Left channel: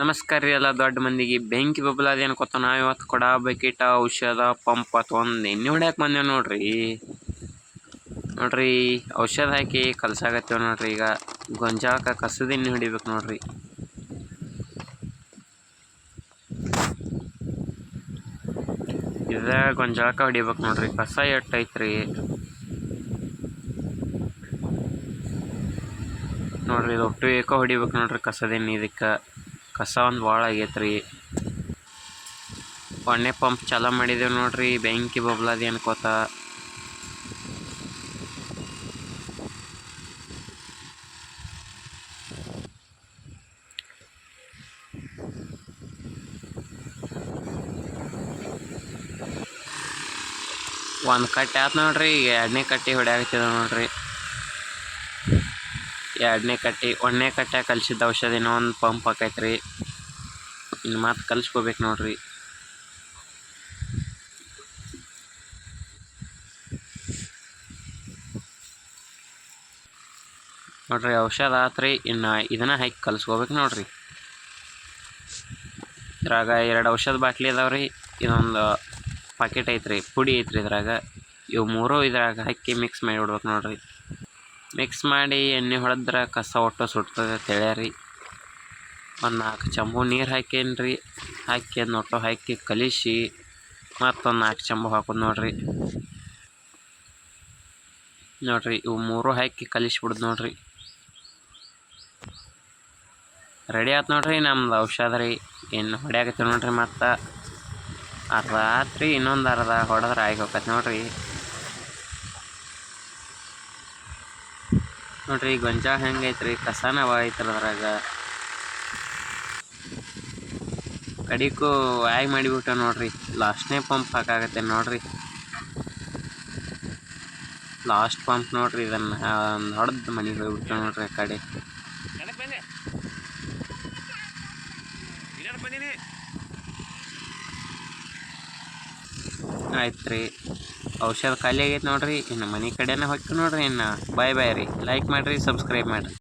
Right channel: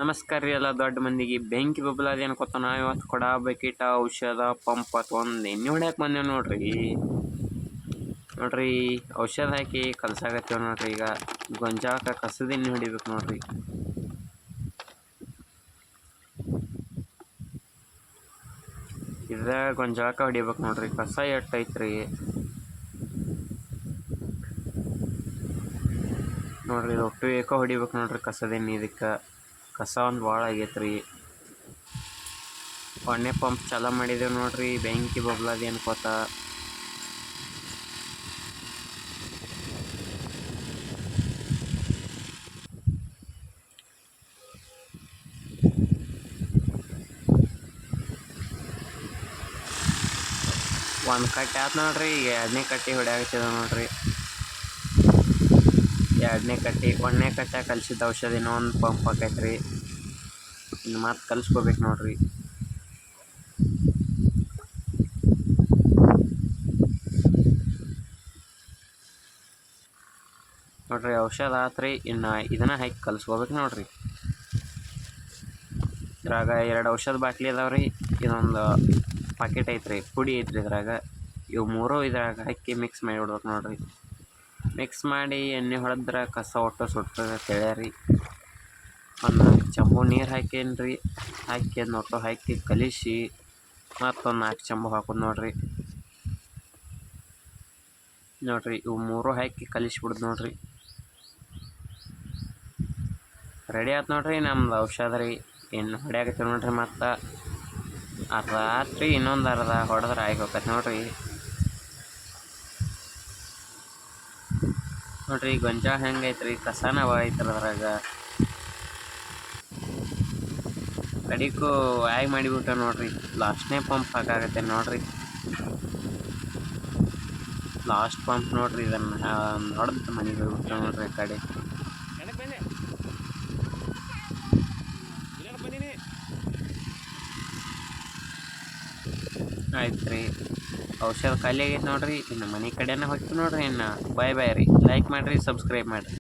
ನಮಸ್ಕಾರ ರೀ ಎಲ್ಲ ದೊಡ್ಡ ಮಂದಿಗೆ. ಬೆಂಕಿ ಬಬ್ಲ ಏನು ಗೊತ್ತ ನಾವು ಇವತ್ತು. ಕೊಡ ಬಕೆಟ ಔಷಧ, ಪಂಪ್ ಒಂದು. ಎಣ್ಣೆ ಹೊಡ್ಯಾಕೆ ಬಂದೇವು ನೋಡ್ರಿ. ನೋಡ್ರಿ, ಔಷಧ ಹಾಕಿ ಕಲಸಾಗತ್ತೇವೆ ನೋಡ್ರಿ ಈಗ. ಗೊಂಜಾಳಕ್ಕೆ ಕಸದ ಎಣ್ಣೆ ಹೊಡಿಬೇಕು ನೋಡ್ರಿ. ಇದ ಗೊಂಜಾಳಕ್ಕೆ ಹೊಡಿಬೇಕು ನೋಡ್ರಿ. ಕಸ ಎಟ್ಟೈತ್ರಿ ನೋಡ್ರಿ, ಇದು ಒಟ್ಟು ಏಕ ಹೊಡಿಬೇಕು ನೋಡ್ರಿ ಕಸದ ಎಣ್ಣೆ ಇದಕ್ಕೆ. ಕಸ ಒಂದು ಭಾಳ ಆಗೈತ್ರಿ. ಒಣ್ಣೆ ಪಂಪ್ ಚಾಲ ಮಾಡಿದೇವು ನೋಡ್ರಿ, ಬೆಂಕಿ ಬಬ್ಲಾದಿ ಅನ್ಕೋತ ಒಂದು ಕಟ್ಟೆ ಆಯ್ತು ನೋಡ್ರಿ, ಈಗ ಎರಡನೇ ಕಟ್ಟಿ ಹೊಡ್ಯಾಕತ್ತಿದ ನೋಡ್ರಿ. ಎರಡನೇ ಕಟ್ಟಿ, ಒಂದನೇ ಕಟ್ಟೆ ಕಲ್ಸಿದ ಔಷಧ ಒಂದು ಪಂಪ್ ಆಕೈತ್ರಿ ಇನ್ನು ಮತ್ತೆ ಕಲ್ಸ್ಕೋಬೇಕು ನೋಡ್ರಿ. ನೋಡ್ರಿ ಔಷಧ ಆತ್ರಿ, ಇನ್ನು ಇದನ್ನ ಹಾಕಿ ಕಲ್ಸ್ಕೋಬೇಕು ನೋಡ್ರಿ. ಇದ್ರಾಗ ಎರಡು ಔಷಧ ಬಾಟ್ಲಿ ಅದಾವ್ರಿ ಇದೊಂದು ಪಾಕೆಟ್ ಐತ್ರಿ, ಪುಡಿ ಐತ್ರಿ ಇದ್ರಾಗ. ಇವು ಮೂರು ಇದ್ರಾಗ ಹಾಕಿ ಮಿಕ್ಸ್ ಮಾಡಿ ಬಿಡ್ಬೇಕು ನೋಡ್ರಿ. ಮಿಕ್ಸ್ ಮಾಡಿ ಎಣ್ಣೆ ಹೊಡೆದ್ರೆ ಕಸ ಒಟ್ಟು ಸುಡ್ತದೆ ತಿಳಿಯರಿ. ಒಂದು ನಾಲ್ಕು ಚಂಬು ನೀರು ಹಾಕೇನ್ರಿ. ಹಾಕಿ ಅದನ್ನ ಹಾಕಿ ಕಲಿಸಿ ಮತ್ತೊಂದು ನಾಲ್ಕು ಚಂಬು ಹಾಕೋದು ನೋಡ್ರಿ. ನೋಡ್ರಿ ಇವು ಮೂರು ಹಾಕಿ ಕಲಿಸ್ಬಿಡ್ದು ನೋಡ್ರಿ. ರೆಡಿ ಆಯ್ತು ನೋಡ್ರಿ ನಮ್ದು ಔಷಧ ರೀ. ಇನ್ನು ಹೊಡ್ಯಾಕತ್ತೀವಿ ನೋಡ್ರಿ ಮತ್ತು. ಅರ್ಧ ಆತ್ರಿ, ಇನ್ನೊಂದು ಅರ್ಧ ಹೊಡೆದ್ರೆ ಆಗಿ ಹೋಗತ್ತೆ ನೋಡ್ರಿ. ನೋಡ್ರಿ ಗೊಂಜಾಳ ಹೆಂಗೈತ್ರಿ ಕಸನ ಐತ್ರಿ ಅದ್ರಾಗ. ಕಡಿಕು ಆಯ್ ಮಾಡಿಬಿಟ್ಟ ನೋಡ್ರಿ ಲಾಸ್ಟ್ನೇ ಪಂಪ್ ಹಾಕಾಗತ್ತೆ ನೋಡ್ರಿ. ಲಾಸ್ಟ್ ಪಂಪ್ ನೋಡ್ರಿ ಇದನ್ನ ನೋಡದ್ ಹೊಡೆದು ಮನೆಗೆ ಹೋಗ್ಬಿಟ್ಟ ನೋಡ್ರಿ ಆ ಕಡೆ. ಆಯ್ತು ರೀ ಔಷಧ ಖಾಲಿ ಆಗೈತೆ ನೋಡ್ರಿ, ಇನ್ನು ಮನೆ ಕಡೆನೇ ಹೋಗ್ತೀವಿ ನೋಡ್ರಿ, ಇನ್ನು ಬಾಯ್ ಬಾಯ್ ರೀ. ಲೈಕ್ ಮಾಡಿರಿ ಸಬ್ಸ್ಕ್ರೈಬ್ ಮಾಡಿರಿ.